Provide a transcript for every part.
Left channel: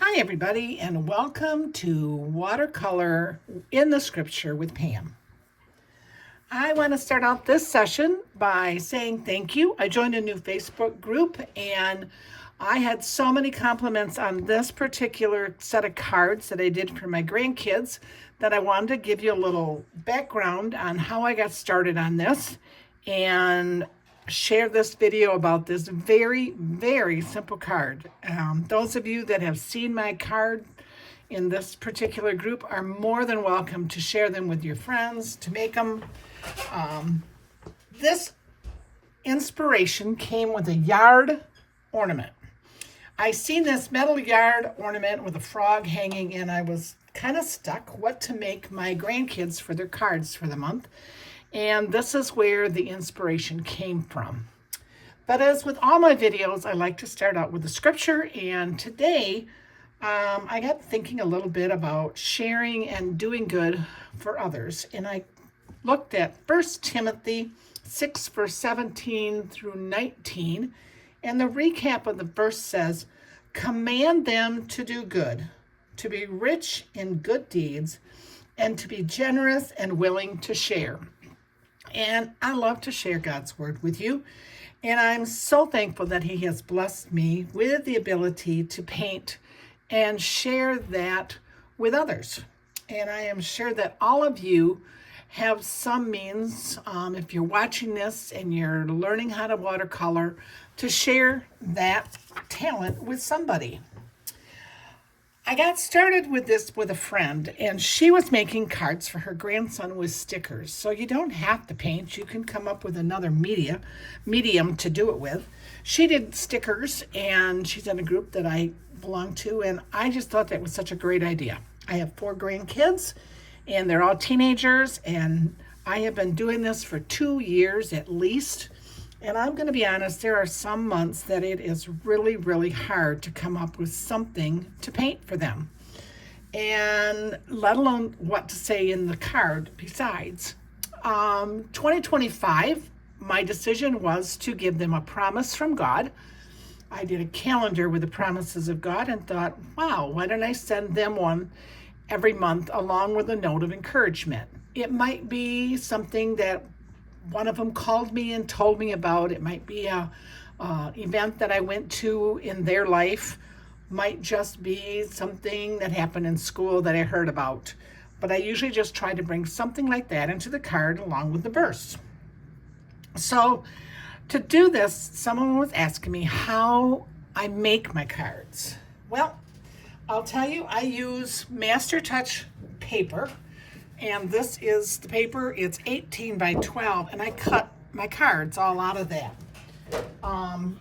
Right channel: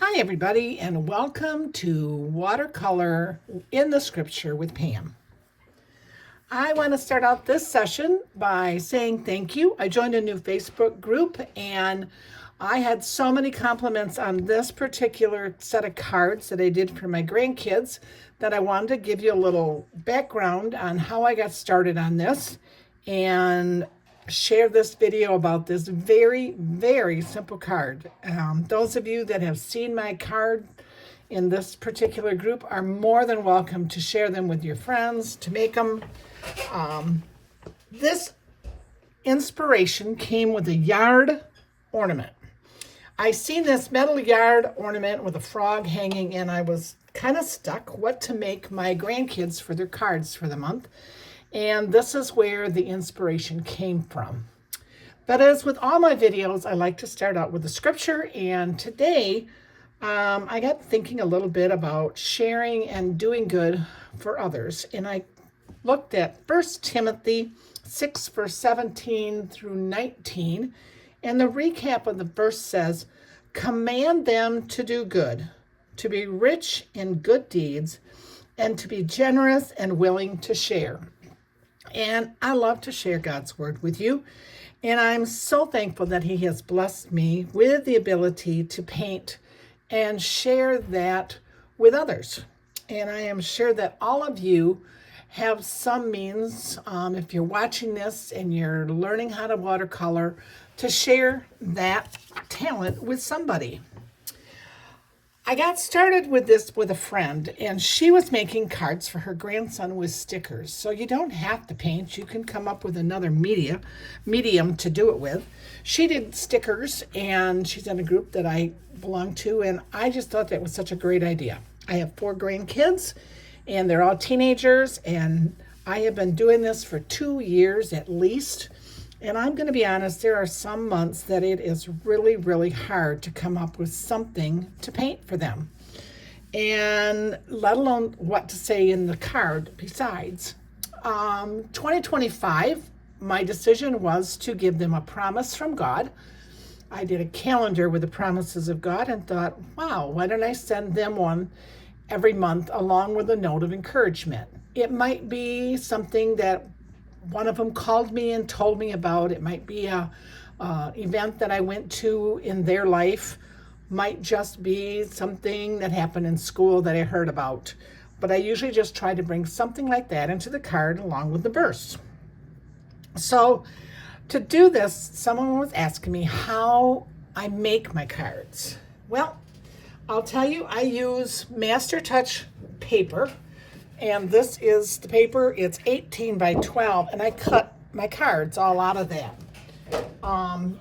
Hi, everybody, and welcome to Watercolor in the Scripture with Pam. I want to start out this session by saying thank you. I joined a new Facebook group and I had so many compliments on this particular set of cards that I did for my grandkids that I wanted to give you a little background on how I got started on this and share this video about this very, very simple card. Those of you that have seen my card in this particular group are more than welcome to share them with your friends, to make them. This inspiration came with a yard ornament. I seen this metal yard ornament with a frog hanging, and I was kind of stuck what to make my grandkids for their cards for the month. And this is where the inspiration came from. But as with all my videos, I like to start out with the scripture. And today, I got thinking a little bit about sharing and doing good for others. And I looked at 1 Timothy 6, verse 17 through 19. And the recap of the verse says, "Command them to do good, to be rich in good deeds, and to be generous and willing to share." And I love to share God's word with you. And I'm so thankful that He has blessed me with the ability to paint and share that with others. And I am sure that all of you have some means, if you're watching this and you're learning how to watercolor, to share that talent with somebody. I got started with this with a friend, and she was making cards for her grandson with stickers. So you don't have to paint. You can come up with another medium to do it with. She did stickers, and she's in a group that I belong to, and I just thought that was such a great idea. I have 4 grandkids, and they're all teenagers, and I have been doing this for 2 years at least. And I'm going to be honest, there are some months that it is really, really hard to come up with something to paint for them. And let alone what to say in the card besides. 2025, my decision was to give them a promise from God. I did a calendar with the promises of God and thought, wow, why don't I send them one every month along with a note of encouragement? It might be something that one of them called me and told me about. It might be a event that I went to in their life. Might just be something that happened in school that I heard about. But I usually just try to bring something like that into the card along with the verse. So to do this, someone was asking me how I make my cards. Well, I'll tell you, I use Master Touch paper. And this is the paper. It's 18 by 12, and I cut my cards all out of that.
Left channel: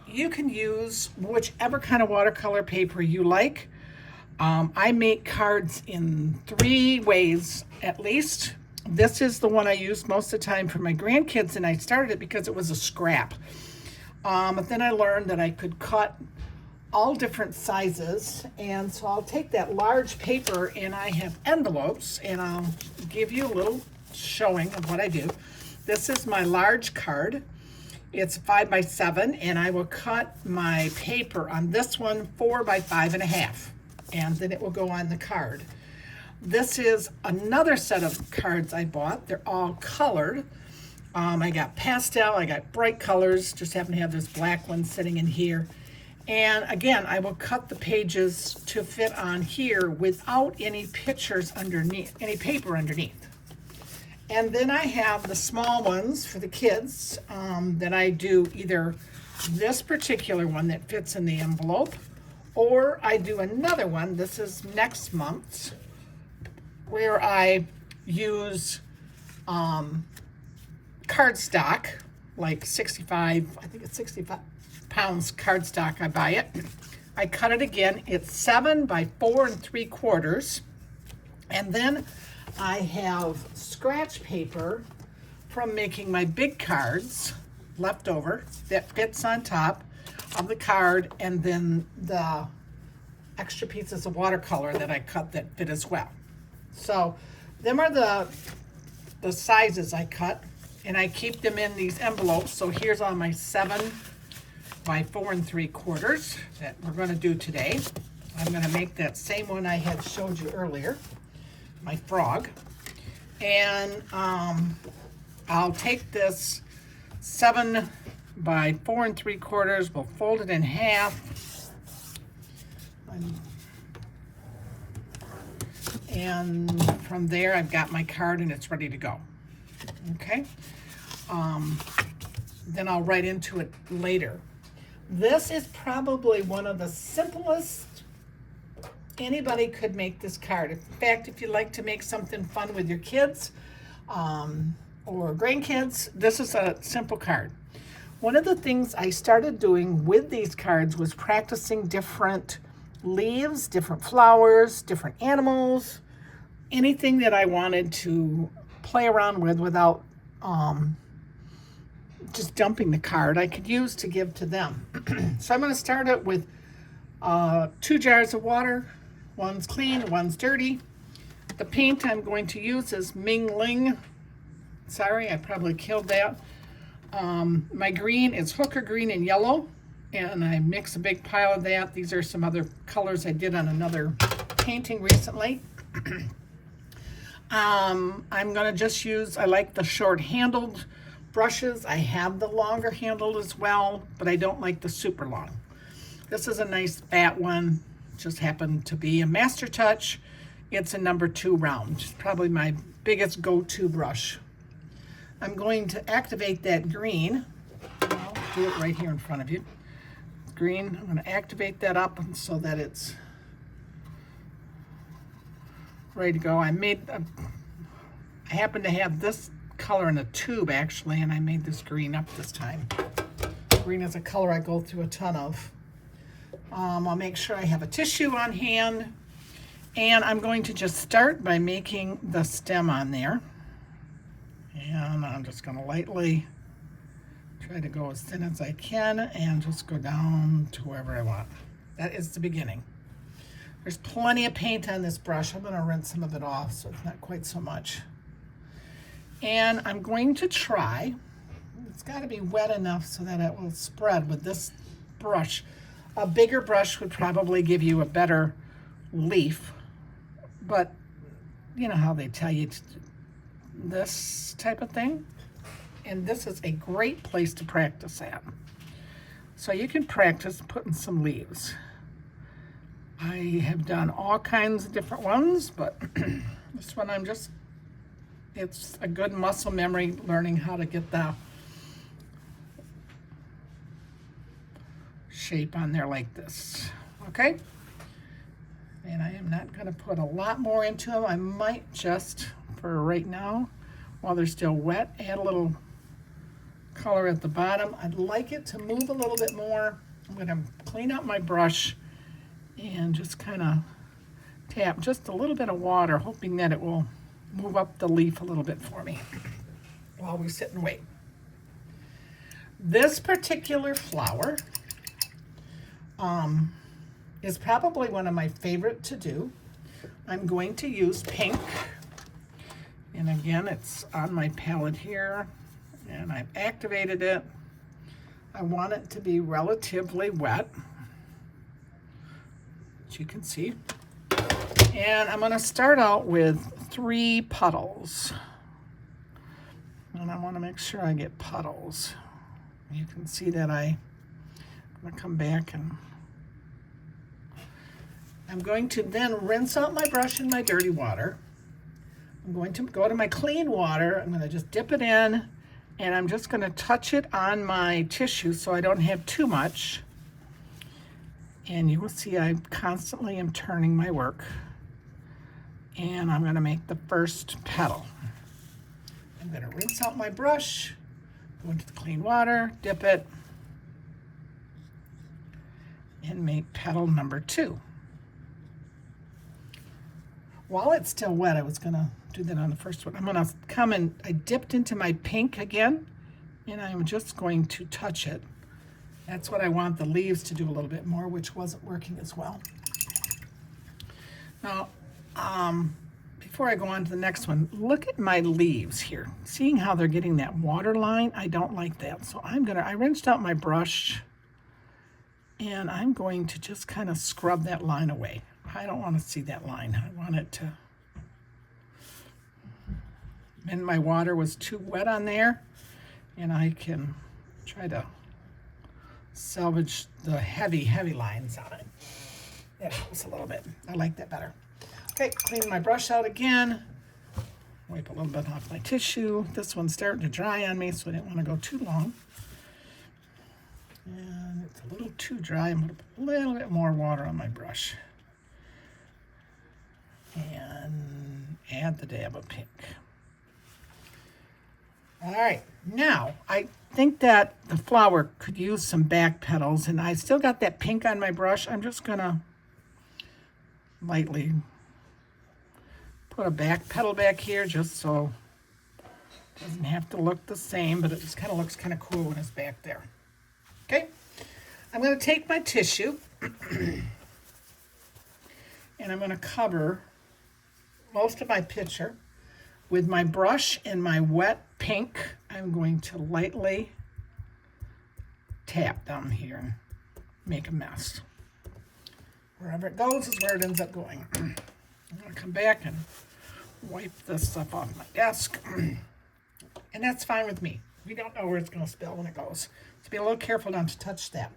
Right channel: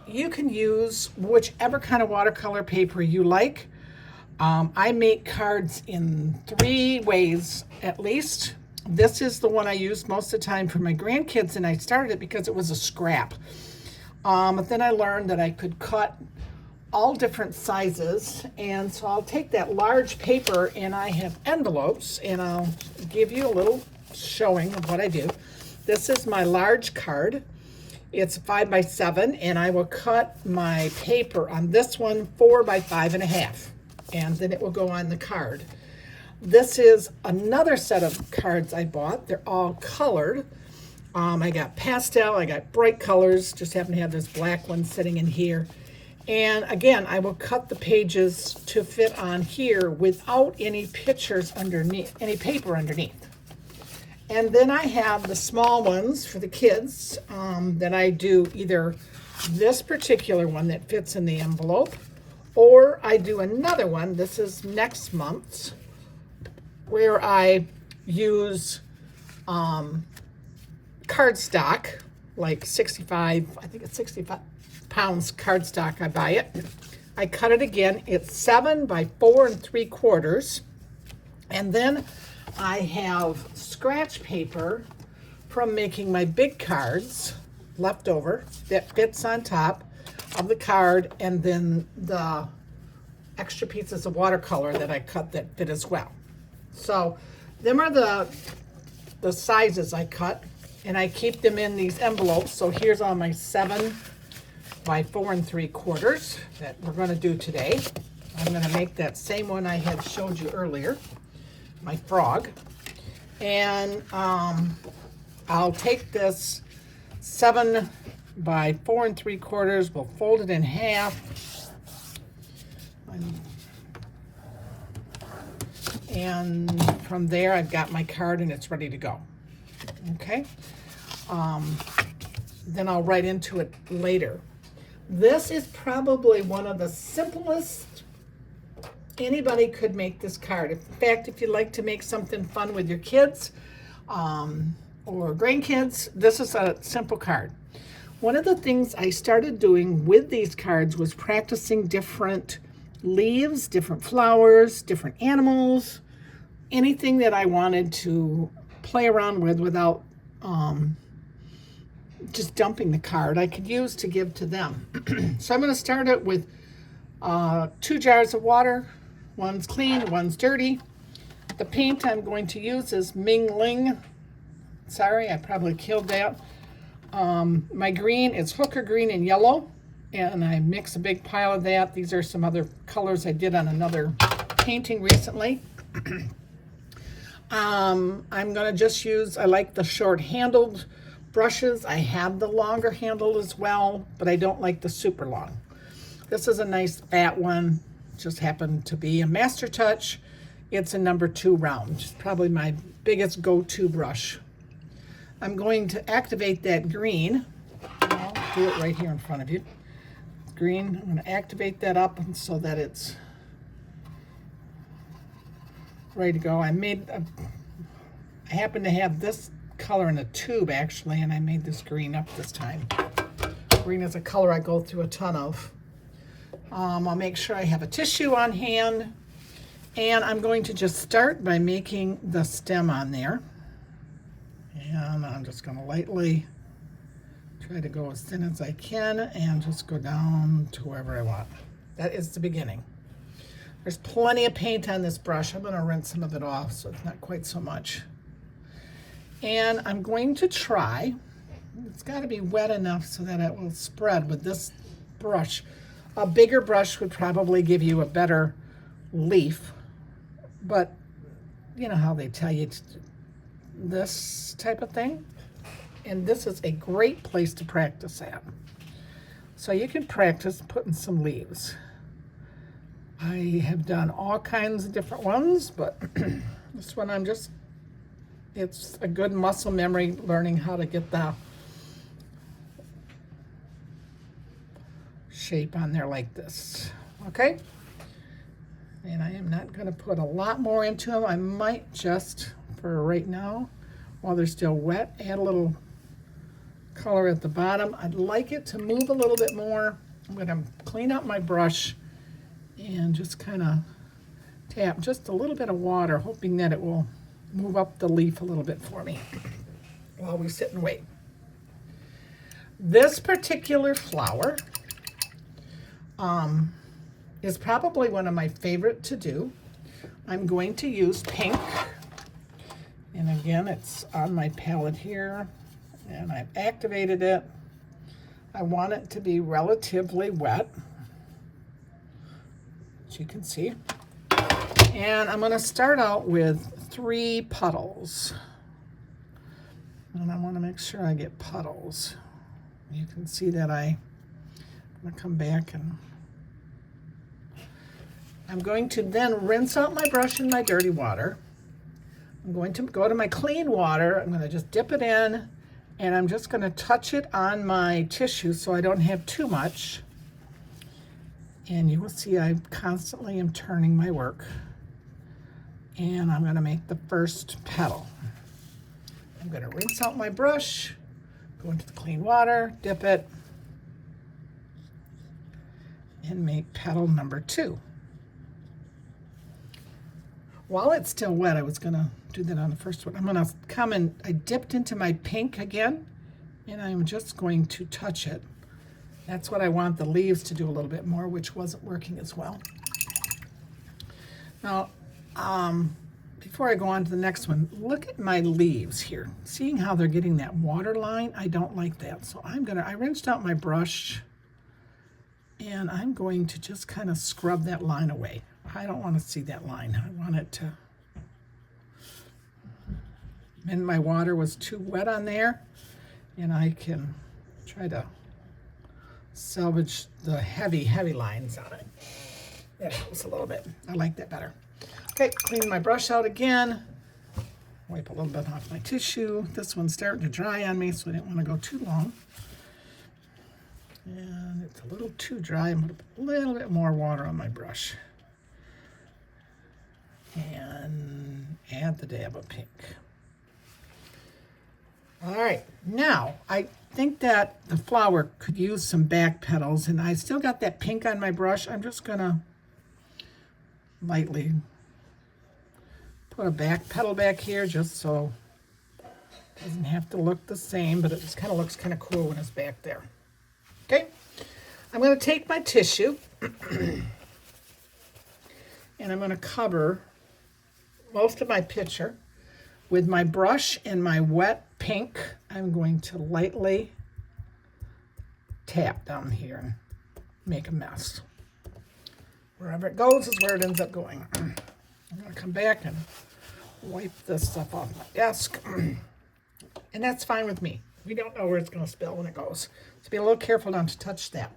You can use whichever kind of watercolor paper you like. I make cards in 3 ways at least. This is the one I use most of the time for my grandkids, and I started it because it was a scrap. But then I learned that I could cut all different sizes, and so I'll take that large paper, and I have envelopes, and I'll give you a little showing of what I do. This is my large card. It's 5 by 7, and I will cut my paper on this one 4 by 5.5, and then it will go on the card. This is another set of cards I bought. They're all colored. I got pastel, I got bright colors, just happen to have this black one sitting in here. And again, I will cut the pages to fit on here without any pictures underneath, any paper underneath. And then I have the small ones for the kids that I do either this particular one that fits in the envelope, or I do another one, this is next month's, where I use cardstock, like 65, I think it's 65 pounds cardstock. I buy it. I cut it again. It's 7 by 4 3/4. And then I have scratch paper from making my big cards left over that fits on top of the card, and then the extra pieces of watercolor that I cut that fit as well. So them are the sizes I cut, and I keep them in these envelopes. So here's all my 7 by 4 3/4 that we're going to do today. I'm going to make that same one I had showed you earlier, my frog. And I'll take this 7 by 4 3/4. We'll fold it in half. And from there, I've got my card and it's ready to go. Okay. Then I'll write into it later. This is probably one of the simplest anybody could make this card. In fact, if you like to make something fun with your kids or grandkids, this is a simple card. One of the things I started doing with these cards was practicing different leaves, different flowers, different animals, anything that I wanted to play around with without just dumping the card, I could use to give to them. So I'm going to start it with 2 jars of water. One's clean, one's dirty. The paint I'm going to use is Ming Ling. Sorry, I probably killed that. My green is Hooker green and yellow, and I mix a big pile of that. These are some other colors I did on another painting recently. I'm going to just use, I like the short-handled brushes. I have the longer handled as well, but I don't like the super long. This is a nice fat one. Just happened to be a Master Touch. It's a number 2 round. It's probably my biggest go-to brush. I'm going to activate that green. I'll do it right here in front of you. Green, I'm going to activate that up so that it's ready to go. I happen to have this color in a tube actually, and I made this green up this time. Green is a color I go through a ton of. I'll make sure I have a tissue on hand, and I'm going to just start by making the stem on there. And I'm just going to lightly try to go as thin as I can and just go down to wherever I want. That is the beginning. There's plenty of paint on this brush. I'm going to rinse some of it off so it's not quite so much. And I'm going to try, it's got to be wet enough so that it will spread with this brush. A bigger brush would probably give you a better leaf, but you know how they tell you this type of thing? And this is a great place to practice at. So you can practice putting some leaves. I have done all kinds of different ones, but this one it's a good muscle memory, learning how to get the shape on there like this. Okay? And I am not going to put a lot more into them. I might just, for right now, while they're still wet, add a little color at the bottom. I'd like it to move a little bit more. I'm going to clean up my brush and just kind of tap just a little bit of water, hoping that it will move up the leaf a little bit for me while we sit and wait. This particular flower is probably one of my favorite to do. I'm going to use pink, and again, it's on my palette here, and I've activated it. I want it to be relatively wet, as you can see. And I'm going to start out with 3 puddles. And I want to make sure I get puddles. You can see that I'm going to come back, and I'm going to then rinse out my brush in my dirty water. I'm going to go to my clean water. I'm going to just dip it in, and I'm just going to touch it on my tissue so I don't have too much. And you will see I constantly am turning my work. And I'm going to make the first petal. I'm going to rinse out my brush, go into the clean water, dip it, and make petal number 2. While it's still wet, I was going to do that on the first one. I'm going to come and I dipped into my pink again, and I'm just going to touch it. That's what I want the leaves to do a little bit more, which wasn't working as well. Now, before I go on to the next one, look at my leaves here. Seeing how they're getting that water line, I don't like that. So I rinsed out my brush, And I'm going to just kind of scrub that line away. I don't want to see that line. I want it to, and my water was too wet on there, and I can try to salvage the heavy, heavy lines on it. It helps a little bit. I like that better. Okay, clean my brush out again. Wipe a little bit off my tissue. This one's starting to dry on me, so I didn't want to go too long. And it's a little too dry. I'm going to put a little bit more water on my brush. And add the dab of pink. All right, now I think that the flower could use some back petals, and I still got that pink on my brush. I'm just going to lightly put a back petal back here just so it doesn't have to look the same, but it just kind of looks kind of cool when it's back there. Okay, I'm going to take my tissue and I'm going to cover most of my picture with my brush and my wet pink. I'm going to lightly tap down here and make a mess. Wherever it goes is where it ends up going. I'm going to come back and wipe this stuff off my desk. And that's fine with me. We don't know where it's going to spill when it goes. So be a little careful not to touch that.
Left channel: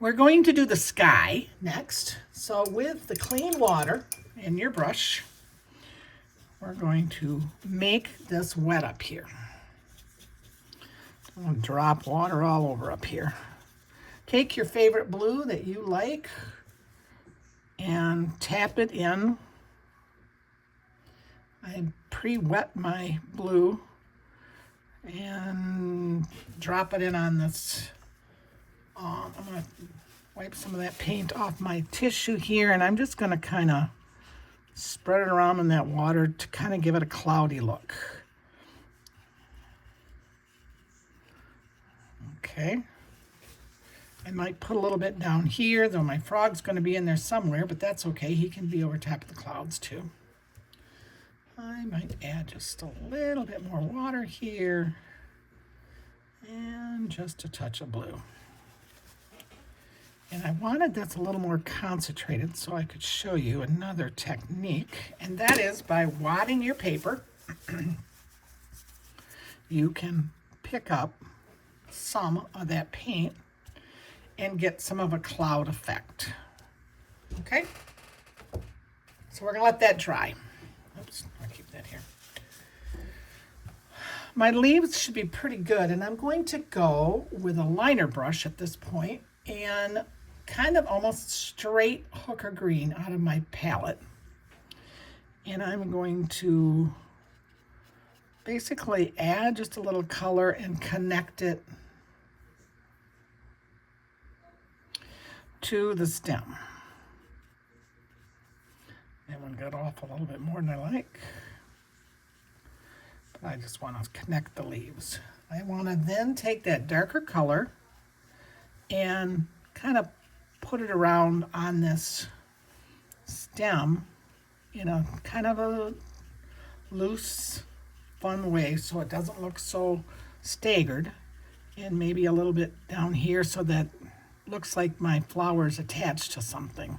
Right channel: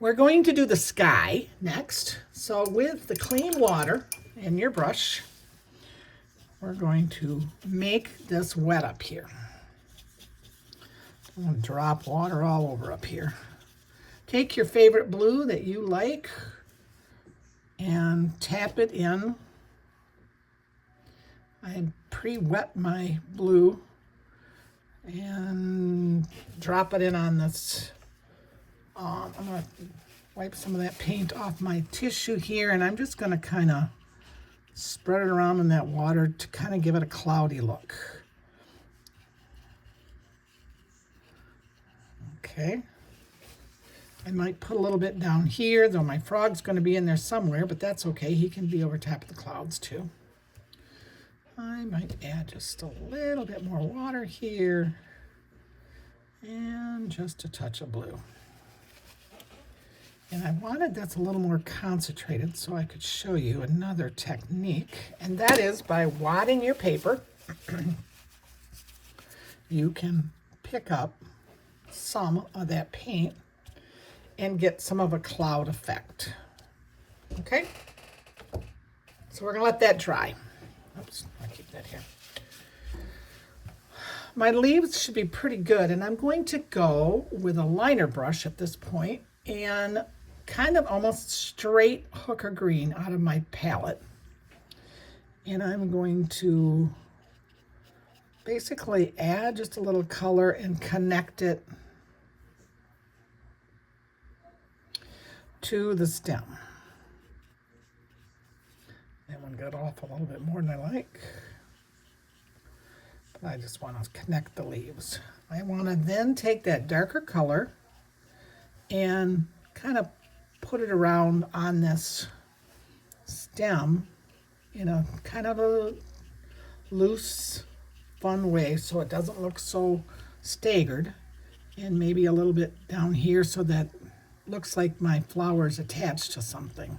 We're going to do the sky next. So with the clean water and your brush, we're going to make this wet up here. I'll drop water all over up here. Take your favorite blue that you like and tap it in. I pre-wet my blue and drop it in on this. I'm going to wipe some of that paint off my tissue here, and I'm just going to kind of spread it around in that water to kind of give it a cloudy look. Okay. I might put a little bit down here, though my frog's going to be in there somewhere, but that's okay. He can be over top of the clouds too. I might add just a little bit more water here and just a touch of blue. And I wanted this a little more concentrated so I could show you another technique, and that is by wadding your paper. You can pick up some of that paint and get some of a cloud effect. Okay? So we're going to let that dry. Oops, I'll keep that here. My leaves should be pretty good, and I'm going to go with a liner brush at this point and kind of almost straight hooker green out of my palette. And I'm going to basically add just a little color and connect it to the stem. That one got off a little bit more than I like. But I just want to connect the leaves. I want to then take that darker color and kind of put it around on this stem in a kind of a loose, fun way so it doesn't look so staggered, and maybe a little bit down here so that it looks like my flower is attached to something.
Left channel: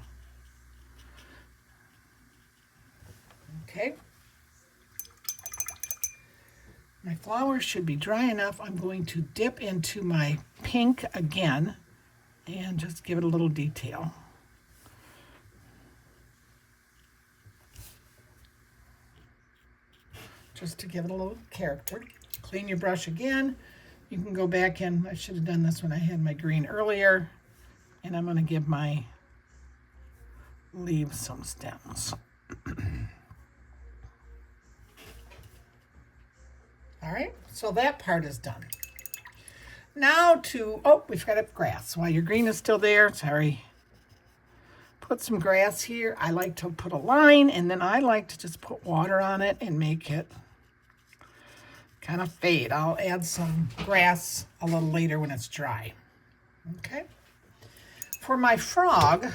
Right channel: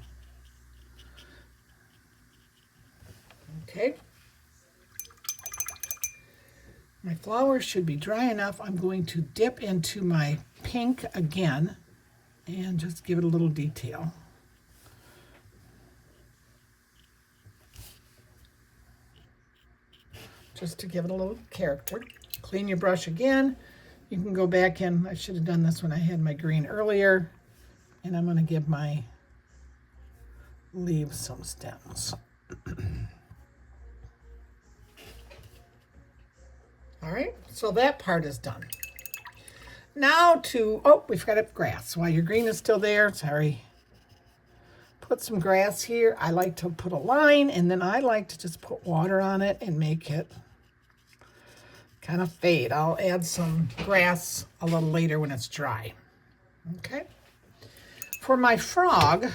Okay. My flower should be dry enough. I'm going to dip into my pink again and just give it a little detail. Just to give it a little character. Clean your brush again. You can go back in. I should have done this when I had my green earlier. And I'm going to give my leaves some stems. All right, so that part is done. Now to, oh, we forgot up grass. While your green is still there, sorry. Put some grass here. I like to put a line, and then I like to just put water on it and make it kind of fade. I'll add some grass a little later when it's dry. Okay. For my frog,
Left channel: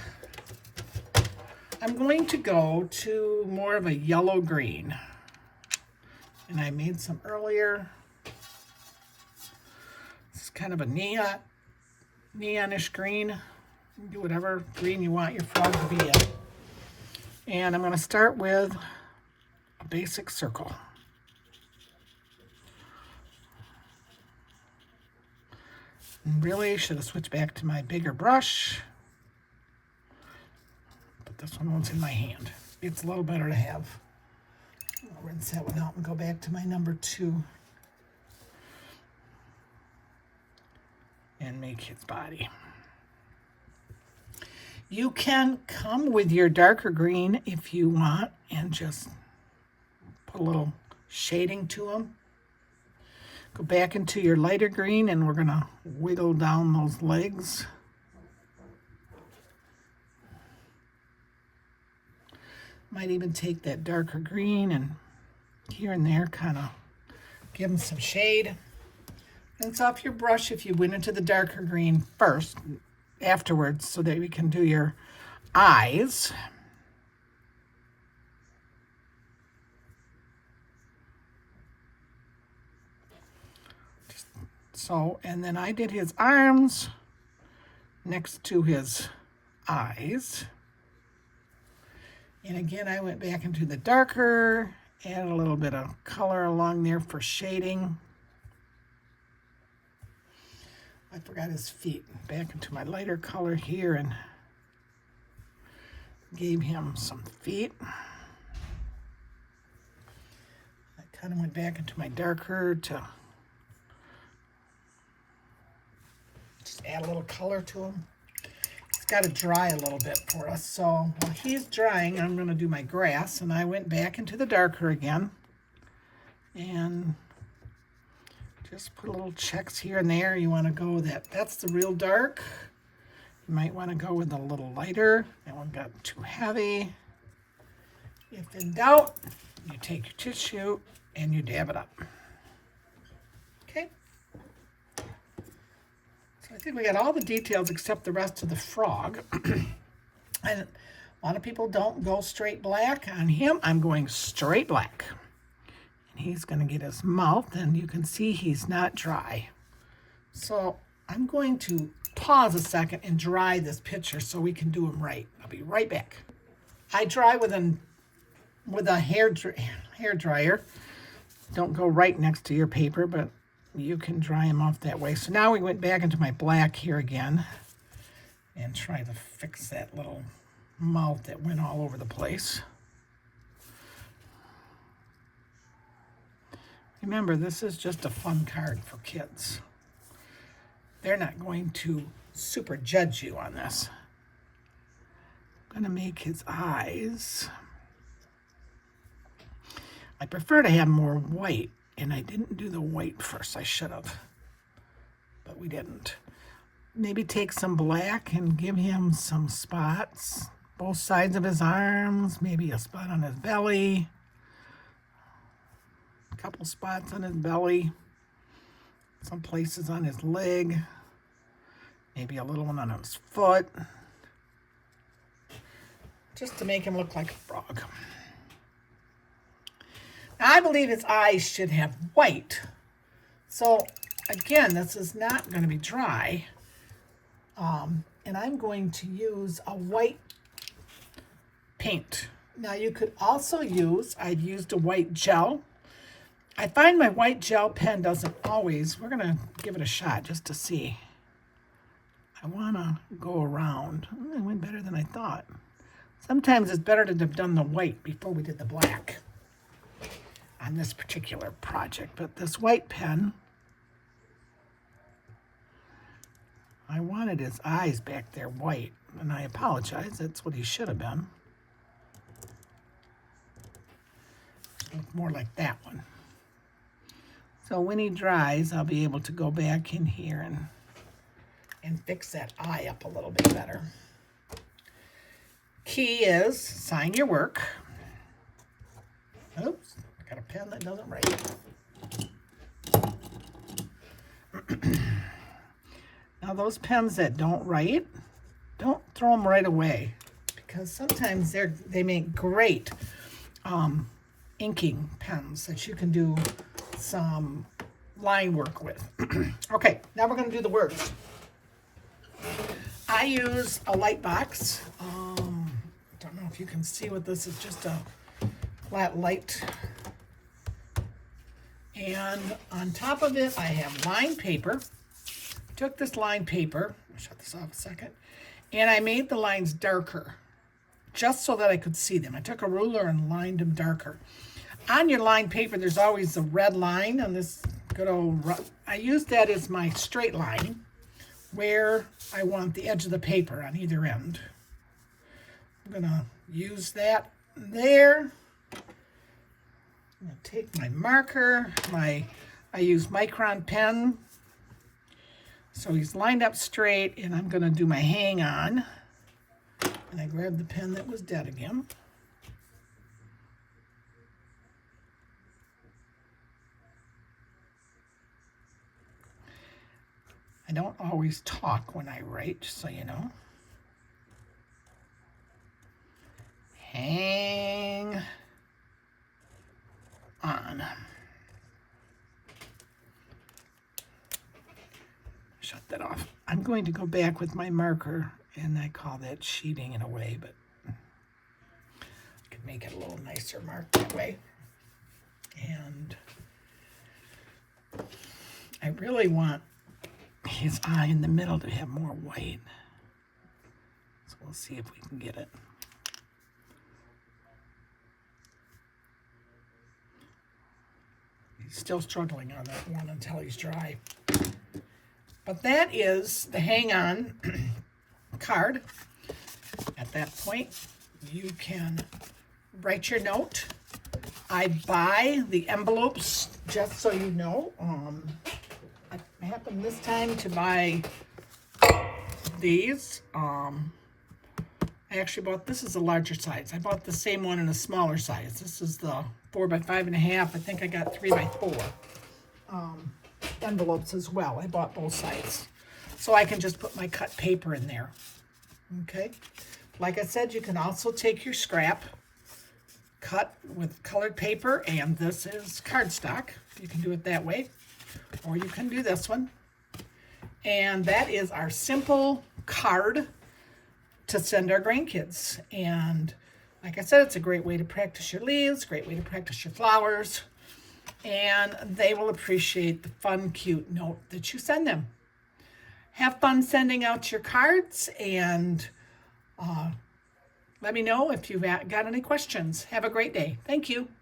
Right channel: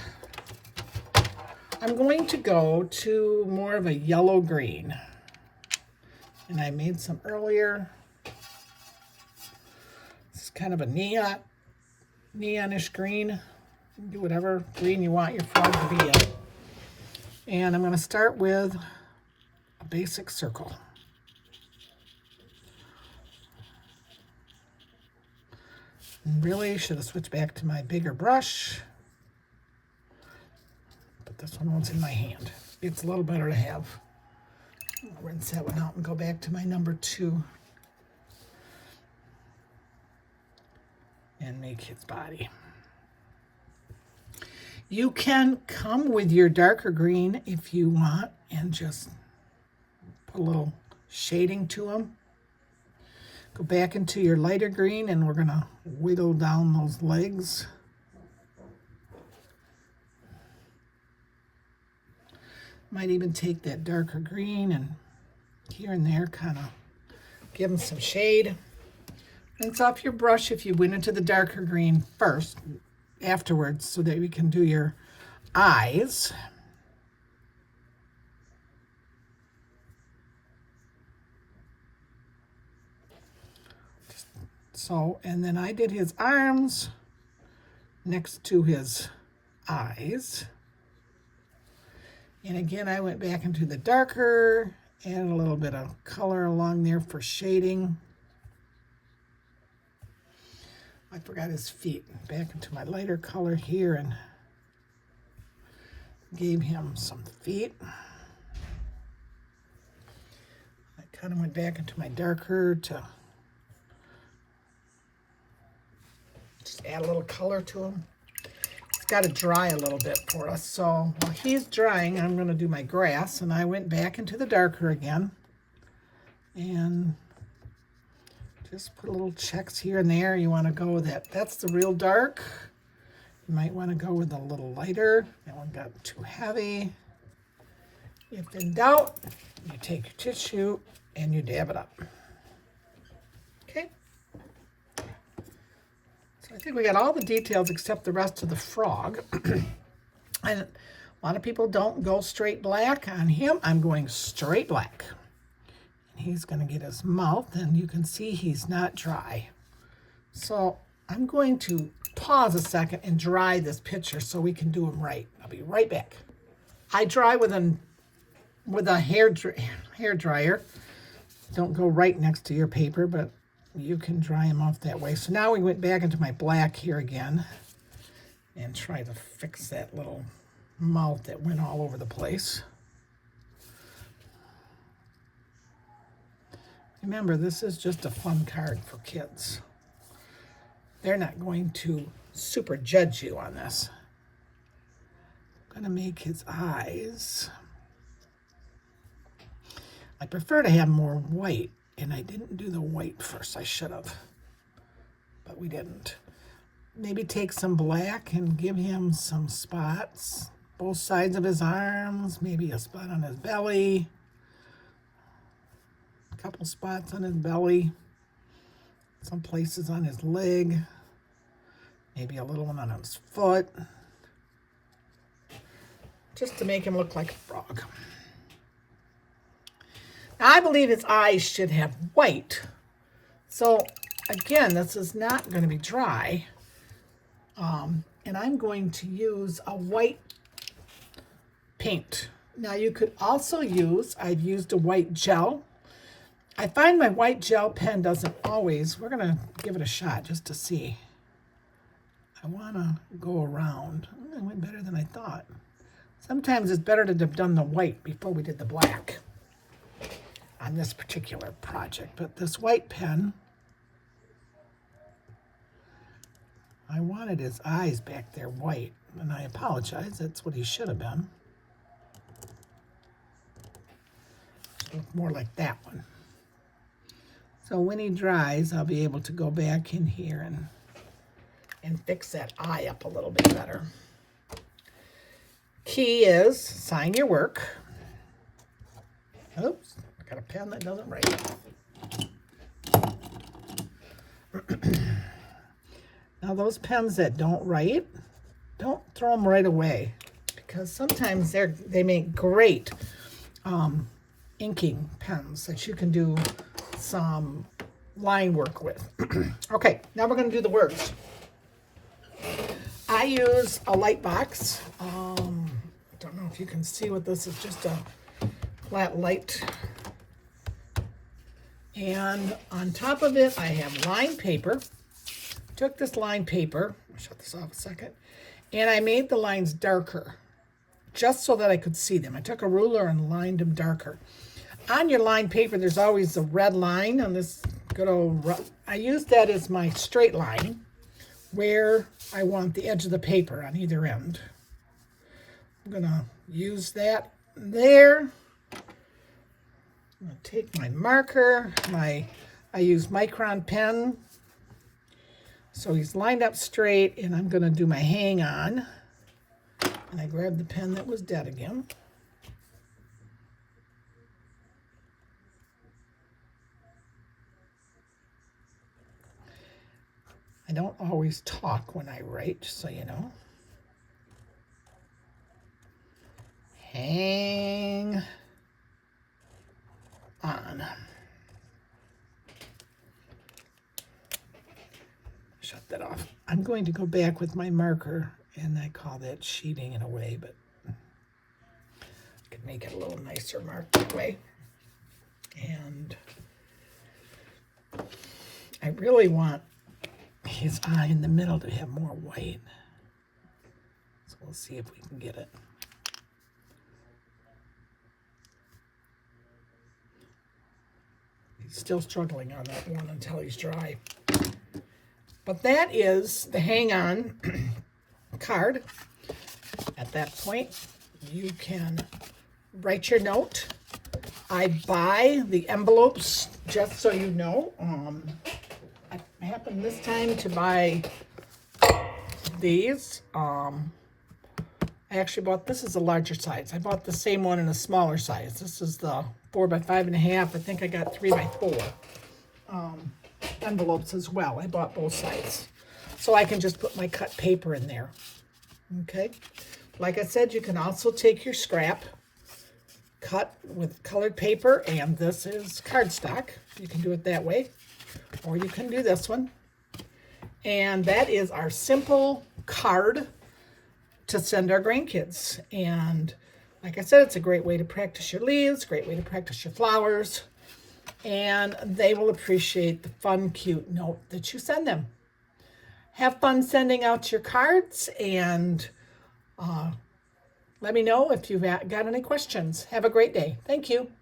I'm going to go to more of a yellow-green. And I made some earlier. This is kind of a neon neonish green. Do whatever green you want your frog to be in. And I'm going to start with a basic circle. And really should have switched back to my bigger brush, but this one was in my hand. It's a little better to have. I'll rinse that one out and go back to my number 2 and make his body. You can come with your darker green if you want and just put a little shading to them. Go back into your lighter green and we're going to wiggle down those legs. Might even take that darker green and here and there kind of give them some shade. Rinse off your brush if you went into the darker green first, afterwards, so that we can do your eyes. So, and then I did his arms next to his eyes. And again, I went back into the darker, add a little bit of color along there for shading. I forgot his feet. Back into my lighter color here and gave him some feet. I kind of went back into my darker to just add a little color to him. It's got to dry a little bit for us. So while he's drying, I'm going to do my grass. And I went back into the darker again. And just put little checks here and there. You want to go with that. That's the real dark. You might want to go with a little lighter. That one got too heavy. If in doubt, you take your tissue and you dab it up. Okay. I think we got all the details except the rest of the frog. And a lot of people don't go straight black on him. I'm going straight black. And he's going to get his mouth, and you can see he's not dry. So I'm going to pause a second and dry this picture so we can do them right. I'll be right back. I dry with a hair dryer. Don't go right next to your paper, but you can dry them off that way. So now we went back into my black here again and try to fix that little mouth that went all over the place. Remember, this is just a fun card for kids. They're not going to super judge you on this. I'm going to make his eyes. I prefer to have more white. And I didn't do the white first. I should have, but we didn't. Maybe take some black and give him some spots. Both sides of his arms, maybe a spot on his belly. A couple spots on his belly. Some places on his leg. Maybe a little one on his foot. Just to make him look like a frog. I believe his eyes should have white. So again, this is not going to be dry. And I'm going to use a white paint. Now you could also use, I've used a white gel. I find my white gel pen doesn't always, we're going to give it a shot just to see. I want to go around. It went better than I thought. Sometimes it's better to have done the white before we did the black on this particular project. But this white pen, I wanted his eyes back there white, and I apologize. That's what he should have been. Should look more like that one. So when he dries, I'll be able to go back in here and fix that eye up a little bit better. Key is sign your work. Oops. Got a pen that doesn't write. Now those pens that don't write, don't throw them right away, because sometimes they make great inking pens that you can do some line work with. Okay, now we're going to do the words. I use a light box. Don't know if you can see what this is, just a flat light. And on top of it, I have lined paper. Took this lined paper, I'll shut this off a second, and I made the lines darker, just so that I could see them. I took a ruler and lined them darker. On your lined paper, there's always a red line on this good old, I use that as my straight line, where I want the edge of the paper on either end. I'm gonna use that there. I'm gonna take my marker, I use micron pen, so he's lined up straight, and I'm gonna do my hang on. And I grabbed the pen that was dead again. I don't always talk when I write, so you know. Hang on. Shut that off. I'm going to go back with my marker, and I call that sheeting in a way, but I could make it a little nicer marked that way. And I really want his eye in the middle to have more white. So we'll see if we can get it. He's still struggling on that one until he's dry. But that is the hang on card. At that point, you can write your note. I buy the envelopes, just so you know. I happened this time to buy these. I actually bought, this is a larger size. I bought the same one in a smaller size. This is the 4 by 5.5. I think I got 3 by 4 envelopes as well. I bought both sides. So I can just put my cut paper in there. Okay. Like I said, you can also take your scrap, cut with colored paper, and this is cardstock. You can do it that way, or you can do this one. And that is our simple card to send our grandkids. And like I said, it's a great way to practice your leaves, great way to practice your flowers, and they will appreciate the fun, cute note that you send them. Have fun sending out your cards, and let me know if you've got any questions. Have a great day. Thank you.